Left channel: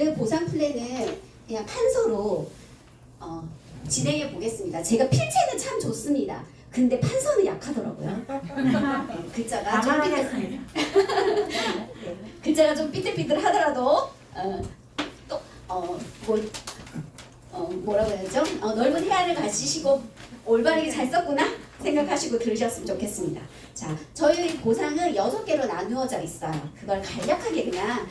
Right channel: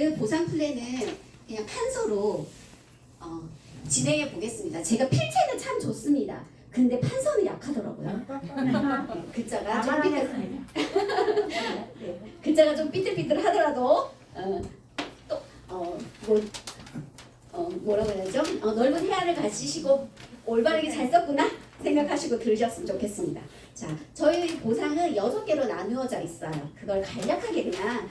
오늘 보상 플랜은 그냥 판서로 진행해 보겠습니다. 제가 필체는 참 좋습니다. 근데 판서는 약하더라고요. 네, 글자가 좀 글자가 좀 삐뚤삐뚤하더라도 뭐라고 해야죠? 넓은 해안을 가지시고 올바르게 잘 썼구나 생각하시고 들으셨으면 좋겠습니다. 자, 저희 보상은 6개로 나누어져 있어요. 그걸 간략하게 그냥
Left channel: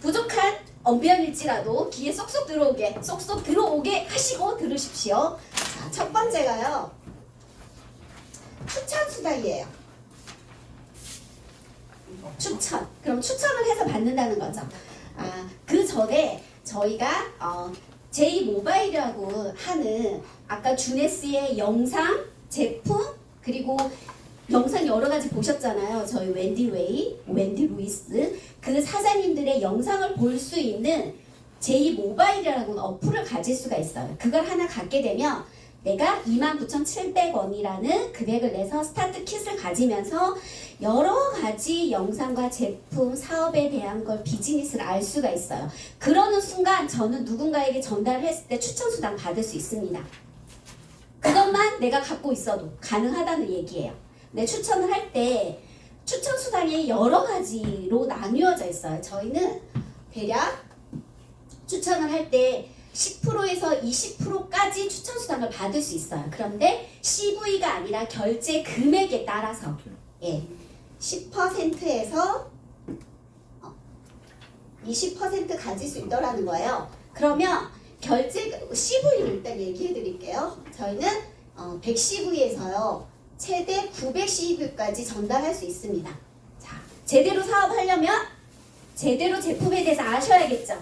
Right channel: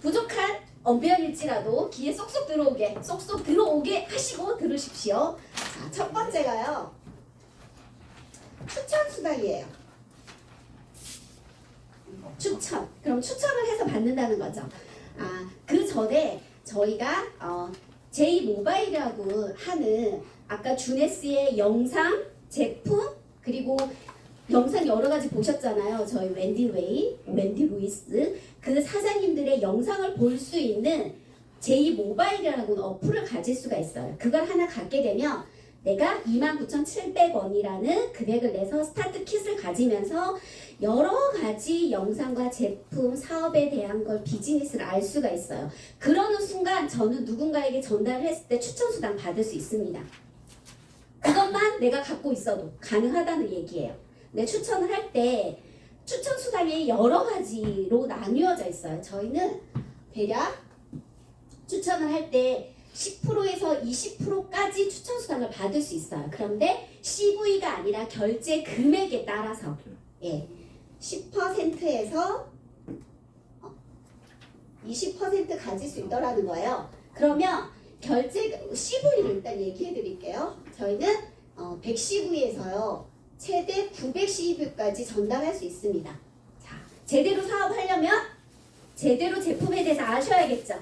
부족한 언변일지라도 귀에 쏙쏙 들어오게 하시고 들으십시오. 자, 첫 번째가요. 추천 수당이에요. 추천. 그럼 추천을 해서 받는다는 거죠. 그 전에 저희가 J-모바일이라고 하는 아까 주네스의 영상, 제품, 그리고 영상 여러 가지 보셨잖아요. 저희 웬디 루이스 그 사장님들의 영상을 볼 수 있는 J-모바일이라는 어플을 가질 수가 있어요. 그걸 하나 갖게 되면 내가 29,700원이라는 금액을 내서 스타트 킷을 가지면서 여러 가지 영상과 제품, 사업에 대한 걸 비즈니스를 알 수가 있어요. 그러는 순간 저는 누군가에게 전달을 했을 때 추천수당 받을 수 있습니다. 그것만 내가 갖고 있어도 가능하다는 얘기예요. 근데 추천을 할 때 추천수당이 여러 가지로 나뉘어져 있어요. 저희는 대략 추천을 할 때 10%에서 20%까지 추천수당을 받을 수 있어요. 그런데 CV가 아니라 결제 금액에 따라서 10%에서 20% 가질 수 있더라는 거예요. 그러면 결제 CV를 일단 얘기해 드릴게요. 저희는 100CV에서요 최대 900CV까지 전달할 수 있습니다. 자, 제대로 사업하려면 제대로 제품에 대해서 아셔야겠죠.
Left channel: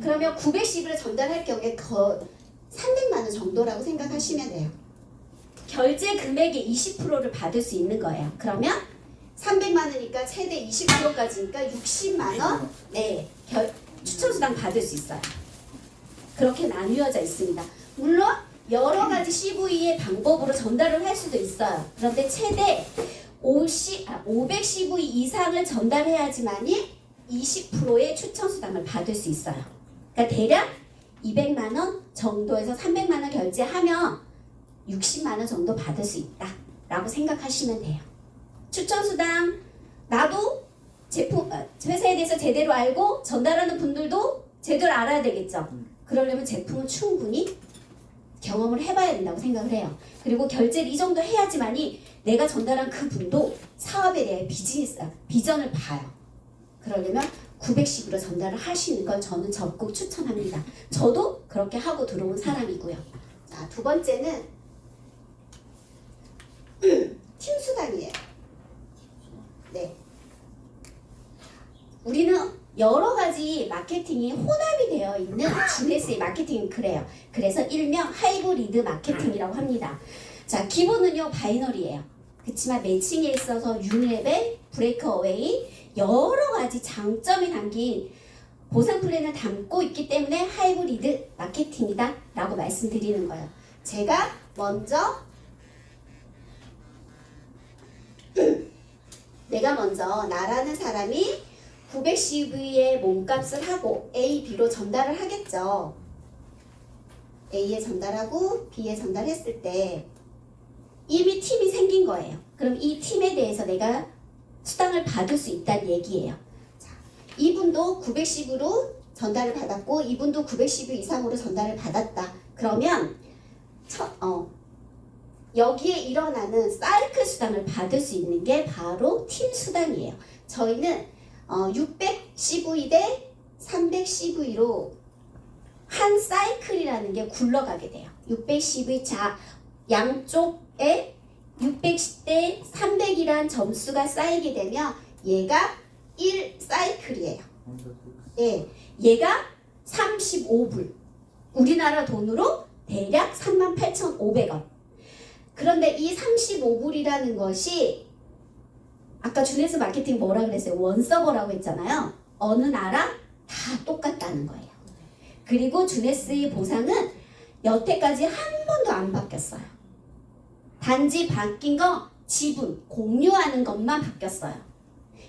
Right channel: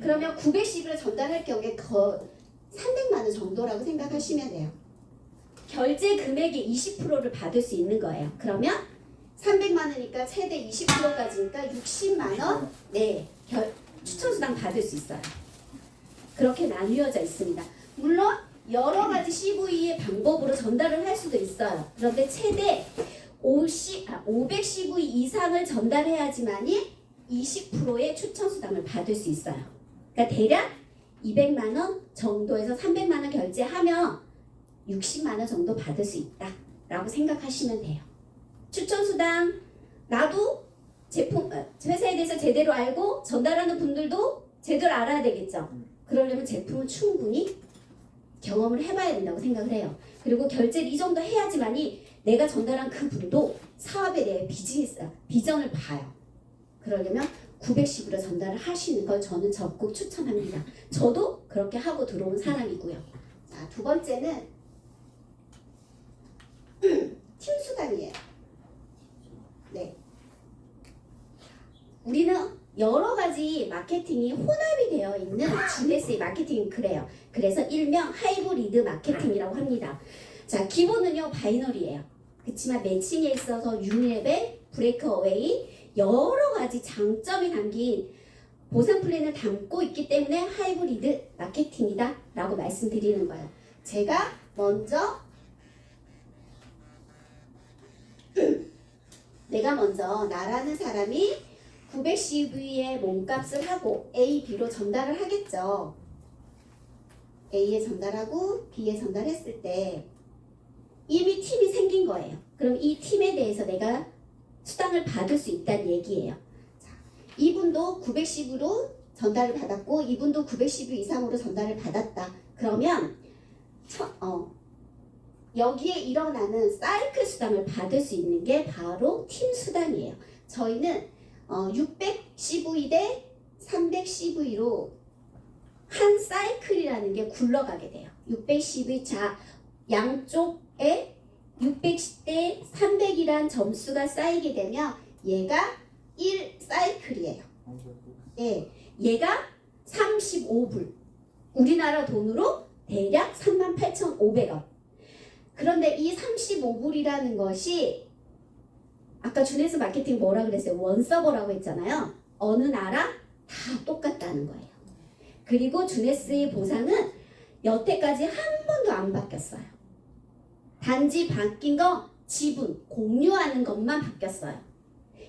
그러면 910을 전달할 경우에 300만 원 정도라고 생각하시면 돼요. 결제 금액의 20%를 받을 수 있는 거예요. 그러면 300만 원이니까 최대 20%까지니까 60만 원 추천수당 받을 수 있어요. 그렇게 나뉘어져 있습니다. 물론 여러 가지 CV의 방법으로 전달을 할 수도 있어요. 그런데 최대 500CV 이상을 전달해야지만이 20%의 추천수당을 받을 수 있어요. 그러니까 대략 200만 원 정도에서 300만 원 결제하면 60만 원 정도 받을 수 있다 라고 생각하시면 돼요. 추천수당 나도 제품 회사에 대해서 제대로 알고 전달하는 분들도 제대로 알아야 되겠죠. 그러려면 제품은 충분히 경험을 해봐야 된다고 생각을 해요. 그리고 결제를 이 정도 해야지만이 내가 전달한 그 분도 사업에 대해 비전을 봐요. 그러려면 910으로 전달을 하시는 걸 저는 적극 추천합니다. 저도 그렇게 하고 들어온 사람이고요. 자, 두 번째는 팀 수당이에요. 네. 우리는 여러 가지 마케팅이 혼합이 되어 있는 주네스의 마케팅은 그래요. 그래서 일명 하이브리드 마케팅이라고 합니다. 자, 기본은요 바이너리예요. 그렇지만 매칭에 있어서 유니레벨, 브레이크어웨이 여러 가지 장점이 담긴 보상 플랜을 담고 있기 때문에 하이브리드 마케팅이다 라고 말씀드리는 거예요. 제가 먼저 나라는 사람이 900CV의 몸값을 하고 A, B로 전달을 하겠죠. A에 전달하고 B에 전달했을 때 이미 팀이 생긴 거예요. 그럼 이 팀에 대해서 내가 수당을 받을 수 있다는 얘기예요. 자, 이분도 910으로 전달을 받았고 이분도 910 이상으로 전달을 받았다. 그러면 여기에 일어나는 사이클 수당을 받을 수 있는 게 바로 팀 수당이에요. 저희는 600CV 대 300CV로 한 사이클이라는 게 굴러가게 돼요. 600CV 자 양쪽에 600대 300이란 점수가 쌓이게 되면 얘가 1사이클이에요. 네, 얘가 35불. 우리나라 돈으로 대략 38,500원. 그런데 이 35불이라는 것이 아까 주네스 마케팅 뭐라 그랬어요? 원서버라고 했잖아요. 어느 나라 다 똑같다는 거예요. 그리고 주네스의 보상은 여태까지 한 번도 안 바뀌었어요. 단지 바뀐 거 지분, 공유하는 것만 바뀌었어요.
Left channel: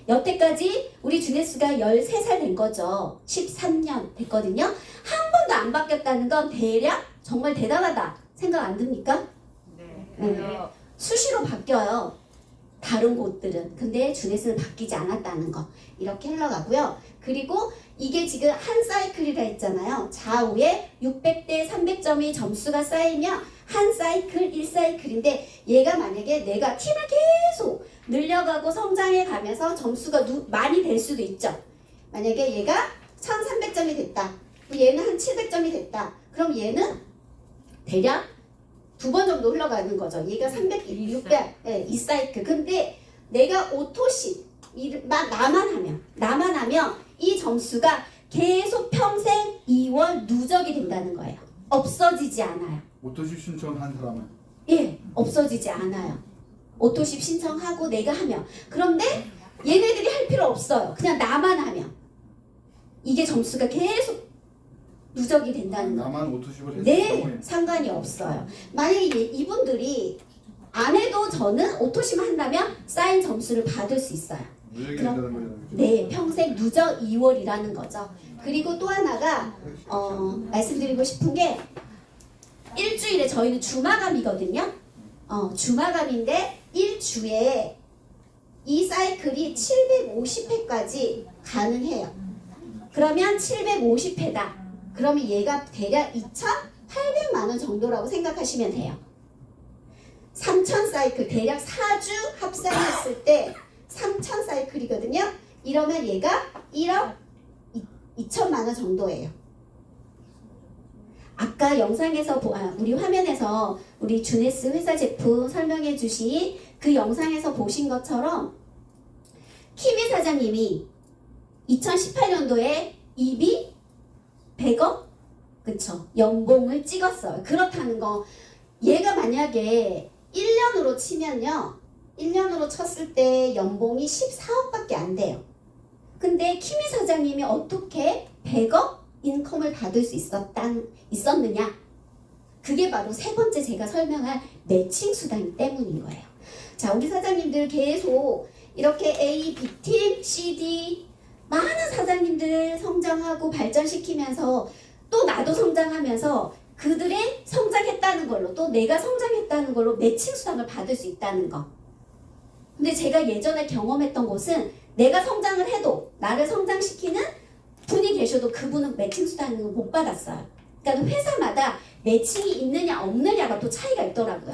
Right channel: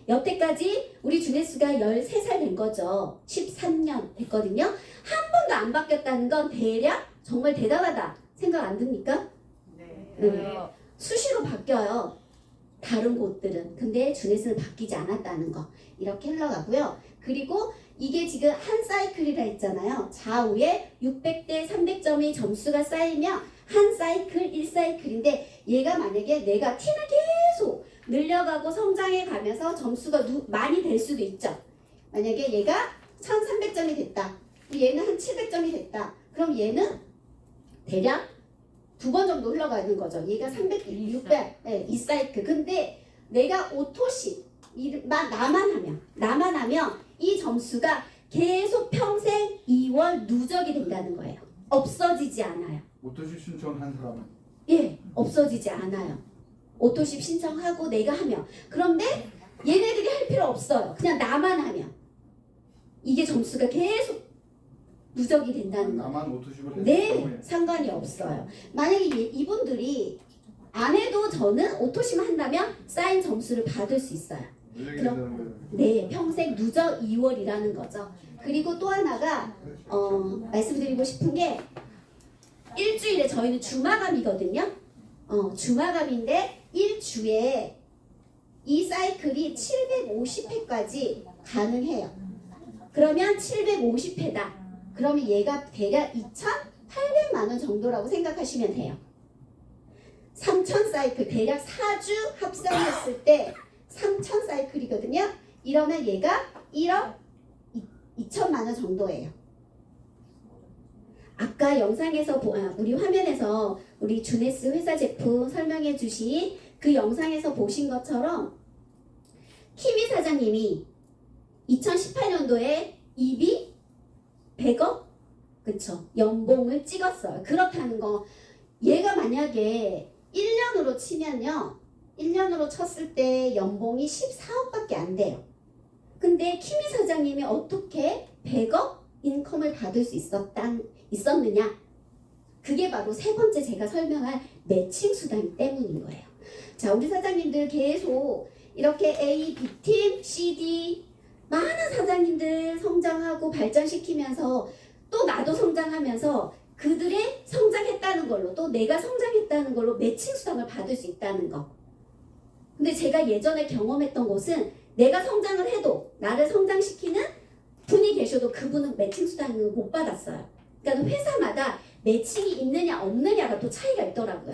여태까지 우리 주네스가 13살 된 거죠. 13년 됐거든요. 한 번도 안 바뀌었다는 건 대략 정말 대단하다 생각 안 듭니까? 네. 수시로 바뀌어요. 다른 곳들은. 근데 주네스는 바뀌지 않았다는 거. 이렇게 흘러가고요. 그리고 이게 지금 한 사이클이라 했잖아요. 좌우에 600대 300점이 점수가 쌓이면 한 사이클 1사이클인데 얘가 만약에 내가 팀을 계속 늘려가고 성장해 가면서 점수가 많이 될 수도 있죠. 만약에 얘가 1300점이 됐다. 얘는 한 700점이 됐다. 그럼 얘는 대략 2번 정도 흘러가는 거죠. 얘가 300, 600, 2사이클. 근데 내가 오토십 나만 하면 이 점수가 계속 평생 2월 누적이 된다는 거예요. 없어지지 않아요. 오토십 신청한 사람은? 예, 없어지지 않아요. 오토십 신청하고 내가 하면. 그런데 얘네들이 할 필요 없어요. 그냥 나만 하면. 이게 점수가 계속 누적이 된다는 거예요. 나만 오토십을 했을 네, 경우에 상관이 없어요. 만약에 이분들이 안 해도 저는 오토시만 한다면 쌓인 점수를 받을 수 있어요. 누적이 된다는 거예요. 네, 평생 누적 2월이라는 거죠. 그리고 또 하나가 말씀드리고 싶은 게 일주일에 저희는 주마감이거든요. 주마감인데 일주에 이 사이클이 750회까지 가능해요. 그러면 750회다. 그러면 얘가 대략 2,800만 원 정도라고 생각하시면 돼요. 3,000 사이클 대략 4주 합산했을 때 3,000 사이클이거든요. 이러면 얘가 1억 2천만 원 정도예요. 아까 영상에서 우리 화면에서 우리 주네스 회사 제품 설명해 주신 그 영상에서 보신 것처럼 키미 사장님이 2018년도에 입이 100억? 그쵸? 연봉을 찍었어요. 그렇다는 거 얘가 만약에 1년으로 치면요. 1년으로 쳤을 때 연봉이 14억밖에 안 돼요. 근데 키미 사장님이 어떻게 100억 인컴을 받을 수 있었느냐? 그게 바로 세 번째 제가 설명할 매칭 수당 때문인 거예요. 자, 우리 사장님들 계속 이렇게 A, B팀, CD 많은 사장님들 성장하고 발전시키면서 또 나도 성장하면서 그들의 성장했다는 걸로 또 내가 성장했다는 걸로 매칭 수당을 받을 수 있다는 거. 근데 제가 예전에 경험했던 곳은 내가 성장을 해도 나를 성장시키는 분이 계셔도 그분은 매칭 수당을 못 받았어요. 그러니까 회사마다 매칭이 있느냐 없느냐가 또 차이가 있더라고요.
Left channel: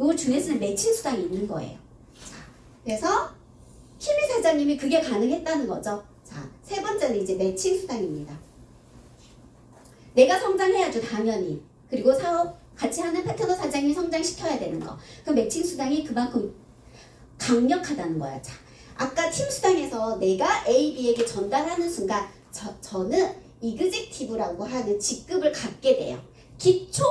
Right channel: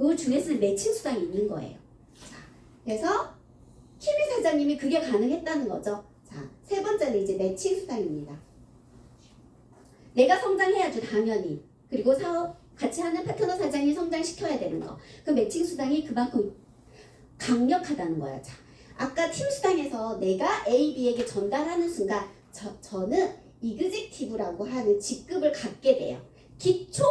요 중에서는 매칭 수당이 있는 거예요. 자, 그래서 키미 사장님이 그게 가능했다는 거죠. 자, 세 번째는 이제 매칭 수당입니다. 내가 성장해야죠, 당연히. 그리고 사업 같이 하는 파트너 사장님이 성장시켜야 되는 거. 그 매칭 수당이 그만큼 강력하다는 거야. 자, 아까 팀 수당에서 내가 A, B에게 전달하는 순간 저는 이그젝티브라고 하는 직급을 갖게 돼요. 기초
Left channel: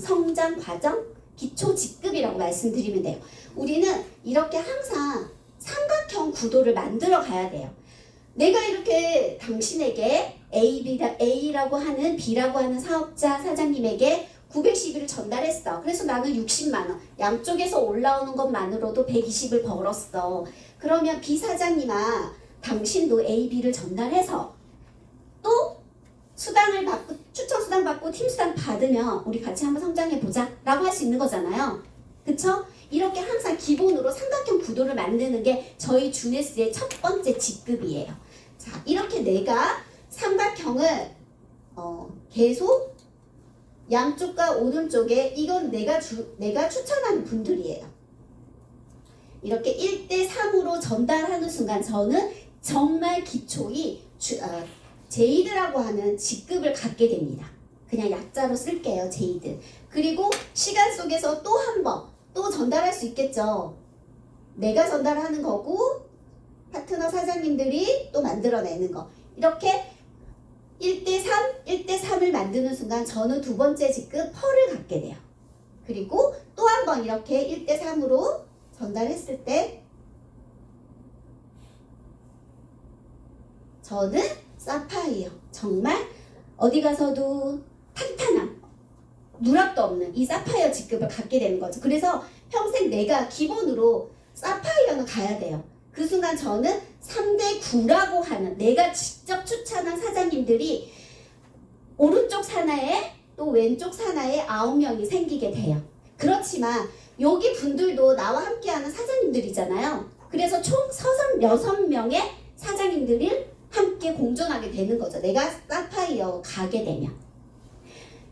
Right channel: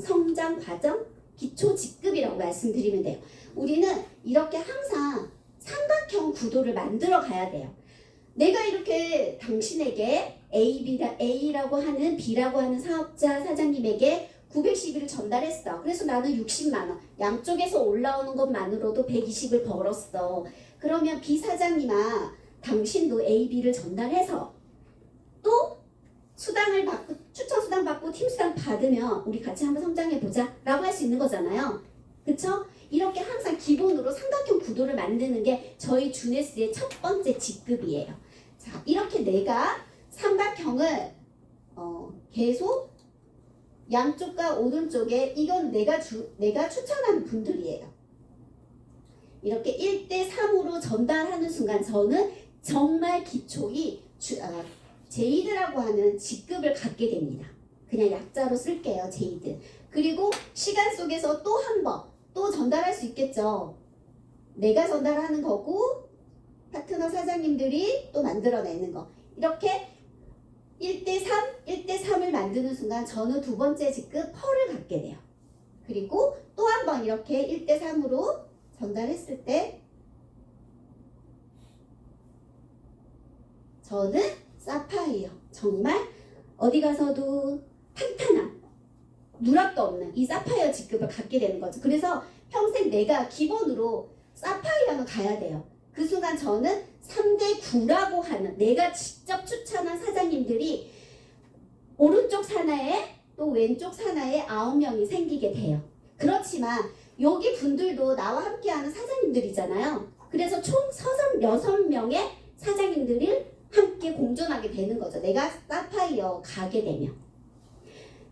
성장 과정, 기초 직급이라고 말씀드리면 돼요. 우리는 이렇게 항상 삼각형 구도를 만들어 가야 돼요. 내가 이렇게 당신에게 A라고 하는 B라고 하는 사업자 사장님에게 910을 전달했어. 그래서 나는 60만 원. 양쪽에서 올라오는 것만으로도 120을 벌었어. 그러면 B 사장님아, 당신도 A, B를 전달해서 또 수당을 받고 추천 수당 받고 팀 수당 받으면 우리 같이 한번 성장해 보자 라고 할 수 있는 거잖아요. 그쵸? 이렇게 항상 기본으로 삼각형 구도를 만드는 게 저희 주네스의 첫 번째 직급이에요. 자, 이렇게 내가 삼각형을 계속 양쪽과 오른쪽에 이건 내가 추천하는 분들이에요. 이렇게 1대3으로 전달하는 순간 저는 정말 기초이 제이드라고 하는 직급을 갖게 됩니다. 그냥 약자로 쓸게요. 제이드. 그리고 시간 속에서 또 한 번 또 전달할 수 있겠죠. 내가 전달하는 거고 파트너 사장님들이 또 만들어내는 거. 이렇게 1대3을 만드는 순간 저는 두 번째 직급 펄을 갖게 돼요. 그리고 또 한 번 이렇게 1대3으로 전달했을 때 저는 사파이어. 정말 어디 가서도 탄탄한 누락도 없는 이 사파이어 직급을 갖게 되는 거죠. 그래서 평생 내가 기본으로 사파이어는 가야 돼요. 그 순간 저는 3대 9라고 하는 내가 직접 추천한 사장님들이 오른쪽 산하에 또 왼쪽 산하에 9명이 생기게 돼요. 그렇지만 여기 분들도 나와 함께하는 사장님들이잖아요. 그래서 총 6명의 사장님들이 함께 공존하게 되는 거죠. 내가 사파이어 가게 되면.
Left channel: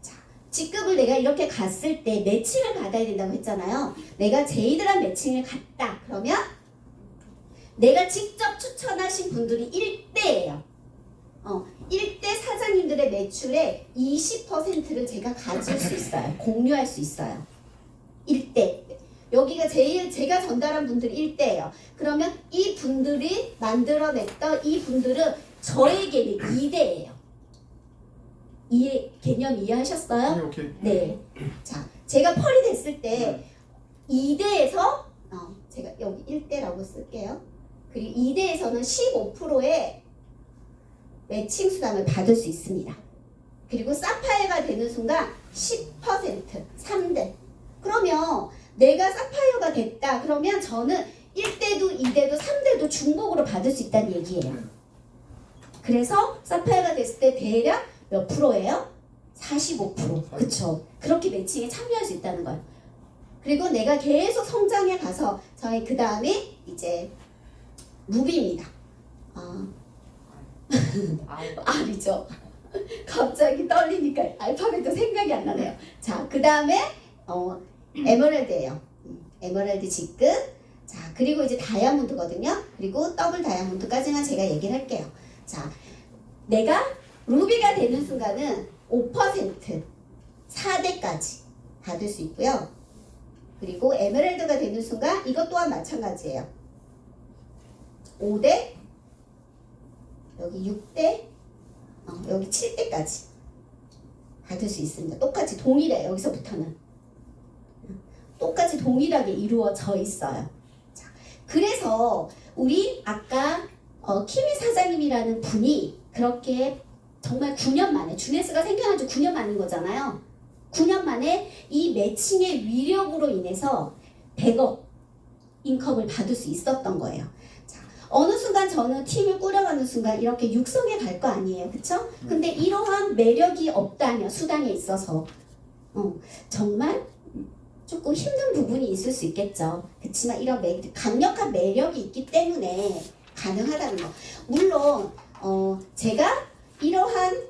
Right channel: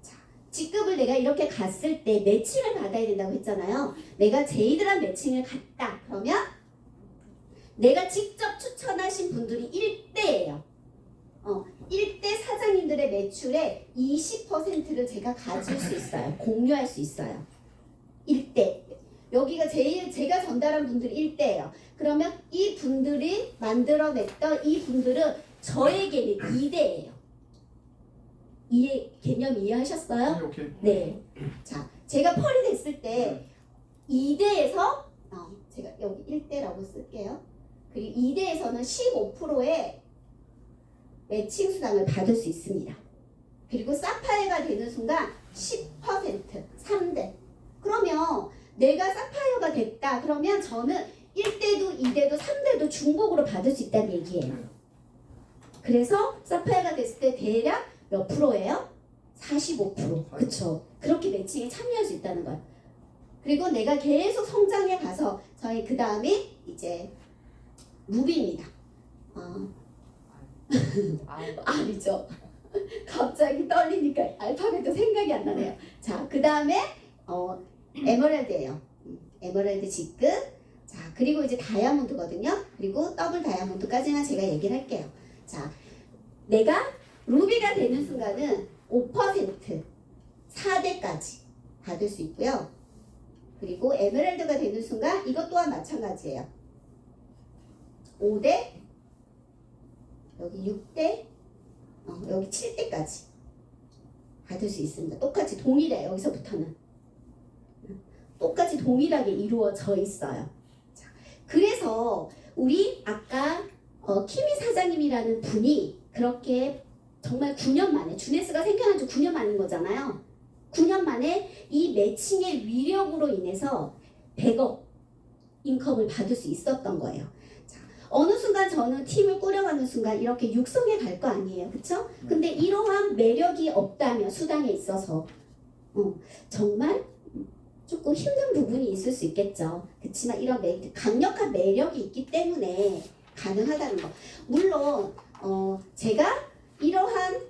자, 직급을 내가 이렇게 갔을 때 매칭을 받아야 된다고 했잖아요. 내가 제이드란 매칭을 갔다. 그러면 내가 직접 추천하신 분들이 1대예요. 1대 사장님들의 매출의 20%를 제가 가질 수 있어요. 공유할 수 있어요. 1대. 여기가 제가 전달한 분들이 1대예요. 그러면 이 분들이 만들어냈던 이 분들은 저에게는 2대예요. 개념 이해하셨어요? 오케이. 네. 자, 제가 펄이 됐을 때 2대에서 제가 여기 1대라고 쓸게요. 그리고 2대에서는 15%의 매칭 수당을 받을 수 있습니다. 그리고 사파이어가 되는 순간 10% 3대. 그러면 내가 사파이어가 됐다. 그러면 저는 1대도 2대도 3대도 중복으로 받을 수 있다는 얘기예요. 그래서 사파이어가 됐을 때 대략 몇 프로예요? 45%. 그쵸? 그렇게 매칭에 참여할 수 있다는 거예요. 그리고 내가 계속 성장해 가서 저희 그 다음에 이제 루비입니다. R이죠. 갑자기 떨리니까 알파벳도 생각이 안 나네요. 자, 그 다음에 에메랄드예요. 에메랄드 직급. 자, 그리고 이제 다이아몬드거든요. 그리고 더블 다이아몬드까지만 제가 얘기를 할게요. 자, 내가 루비가 되는 순간은 5% 4대까지 받을 수 있고요. 그리고 에메랄드가 되는 순간 이것 또한 마찬가지예요. 5대, 여기 6대, 여기 7대까지 받을 수 있습니다. 똑같이 동일해. 여기서부터는 똑같이 동일하게 이루어져 있어요. 자, 그래서 우리 아까 키미 사장님이라는 분이 그렇게 정말 9년 만에 주네스가 생겨난 지 9년 만인 거잖아요. 9년 만에 이 매칭의 위력으로 인해서 100억 인컴을 받을 수 있었던 거예요. 자, 어느 순간 저는 팀을 꾸려가는 순간 이렇게 육성에 갈 거 아니에요. 그쵸? 근데 이러한 매력이 없다면 수당에 있어서 정말 조금 힘든 부분이 있을 수 있겠죠. 그렇지만 이런 강력한 매력이 있기 때문에 가능하다는 거. 물론 제가 이러한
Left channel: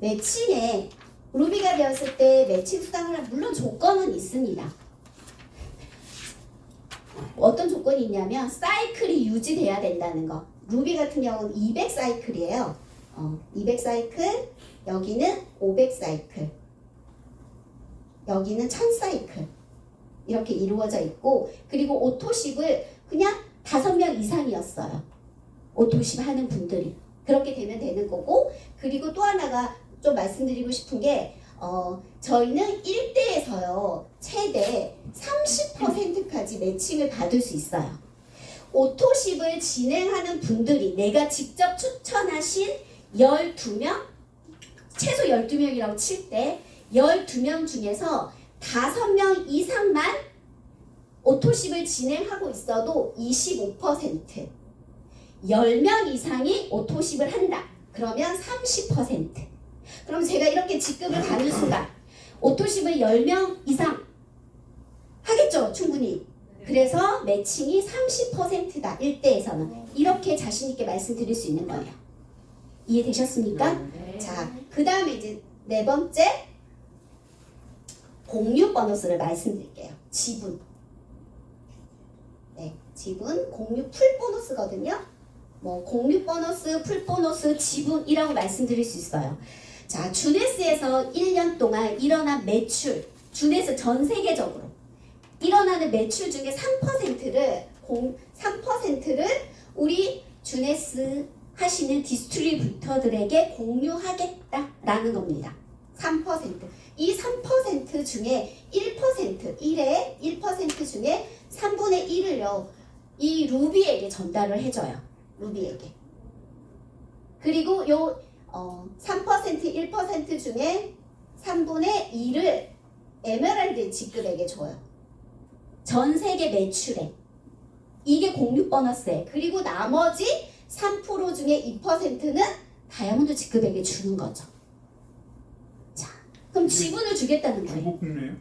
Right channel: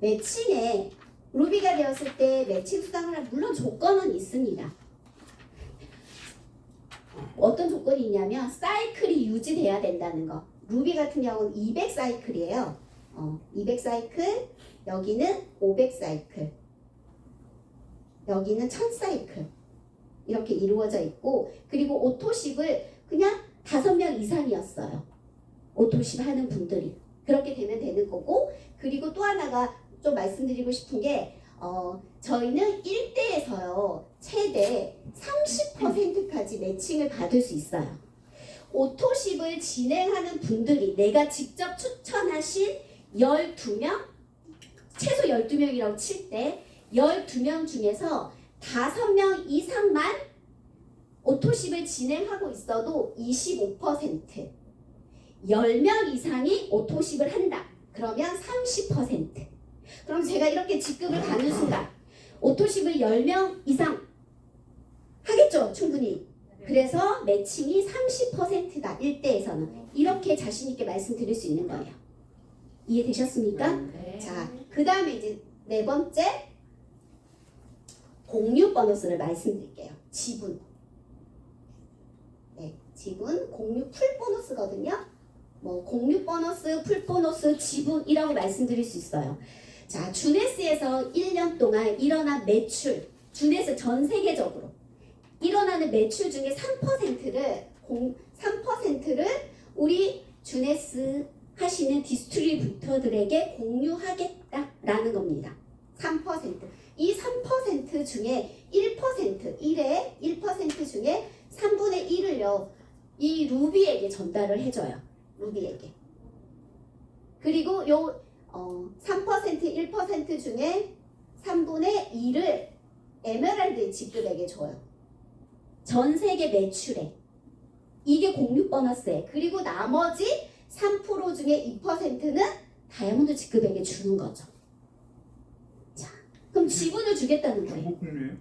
매칭에 루비가 되었을 때 매칭 수당을 할 물론 조건은 있습니다. 어떤 조건이 있냐면 사이클이 유지돼야 된다는 거. 루비 같은 경우는 200 사이클이에요. 200 사이클, 여기는 500 사이클, 여기는 1000 사이클 이렇게 이루어져 있고, 그리고 오토십을 그냥 5명 이상이었어요. 오토십 하는 분들이. 그렇게 되면 되는 거고, 그리고 또 하나가 좀 말씀드리고 싶은 게 저희는 1대에서요 최대 30%까지 매칭을 받을 수 있어요. 오토십을 진행하는 분들이 내가 직접 추천하신 12명, 최소 12명이라고 칠 때 12명 중에서 5명 이상만 오토십을 진행하고 있어도 25%, 10명 이상이 오토십을 한다. 그러면 30%. 그럼 제가 이렇게 직급을 가는 순간 오토십을 10명 이상 하겠죠, 충분히. 그래서 매칭이 30%다, 1대에서는. 이렇게 자신있게 말씀드릴 수 있는 거예요. 이해되셨습니까? 네. 자, 그 다음에 이제 네 번째 공유 보너스를 말씀드릴게요. 지분. 네, 지분, 공유 풀 보너스거든요. 뭐 공유 보너스, 풀 보너스, 지분이라고 말씀드릴 수 있어요. 자, 주네스에서 1년 동안 일어난 매출, 주네스 전 세계적으로 일어나는 매출 중에 3%를 우리 주네스 하시는 디스트리뷰터들에게 공유하겠다라는 겁니다. 3%. 이 3% 중에 1% 중에 3분의 1을요, 이 루비에게 전달을 해줘요. 루비에게. 그리고 요 3%, 1% 중에 3분의 2를 에메랄드 직급에게 줘요. 전 세계 매출에. 이게 공유 보너스에. 그리고 나머지 3% 중에 2%는 다이아몬드 직급에게 주는 거죠. 자, 그럼 이게 지분을 주겠다는 거예요. 중국 국내예요?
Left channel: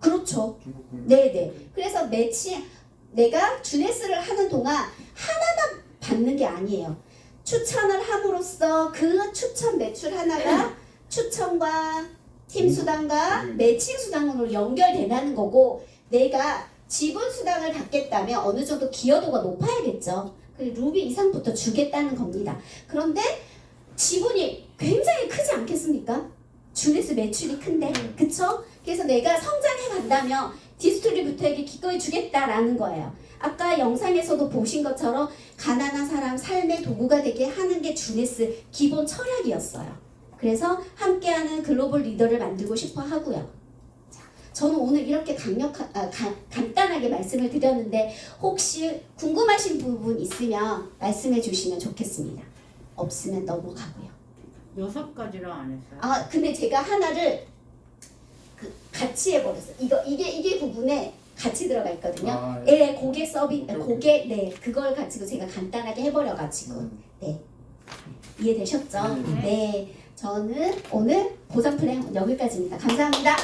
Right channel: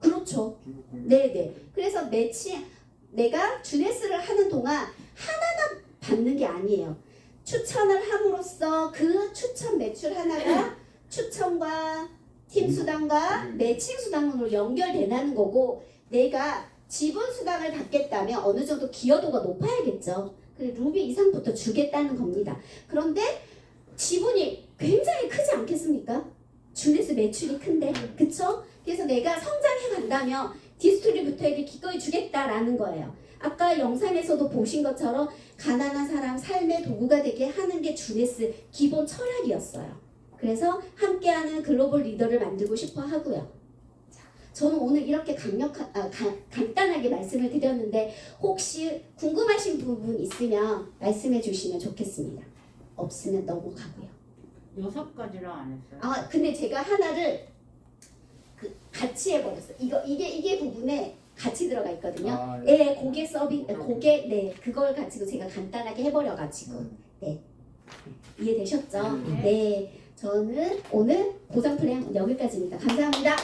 그렇죠. 중국 국내. 네네. 그래서 매치 내가 주네스를 하는 동안 하나만 받는 게 아니에요. 추천을 함으로써 그 추천 매출 하나가 추천과 팀 수당과 매칭 수당으로 연결되는 거고, 내가 지분 수당을 받겠다면 어느 정도 기여도가 높아야겠죠. 그래서 루비 이상부터 주겠다는 겁니다. 그런데 지분이 굉장히 크지 않겠습니까? 주네스 매출이 큰데, 네. 그쵸? 그래서 내가 성장해 간다면 디스트리뷰터에게 기꺼이 주겠다라는 거예요. 아까 영상에서도 보신 것처럼 가난한 사람 삶의 도구가 되게 하는 게 주네스 기본 철학이었어요. 그래서 함께하는 글로벌 리더를 만들고 싶어 하고요. 자, 저는 오늘 이렇게 간단하게 말씀을 드렸는데 혹시 궁금하신 부분 있으면 말씀해 주시면 좋겠습니다. 없으면 넘어가고요. 6가지로 안 했어요. 아, 근데 제가 하나를 같이 해버렸어요. 이게 부분에 같이 들어가 있거든요. 아, 예, 고객 서비, 고객, 네, 그걸 가지고 제가 간단하게 해버려가지고, 네, 이해되셨죠? 네. 네, 저는 오늘 보상 플랜 여기까지입니다. 감사합니다.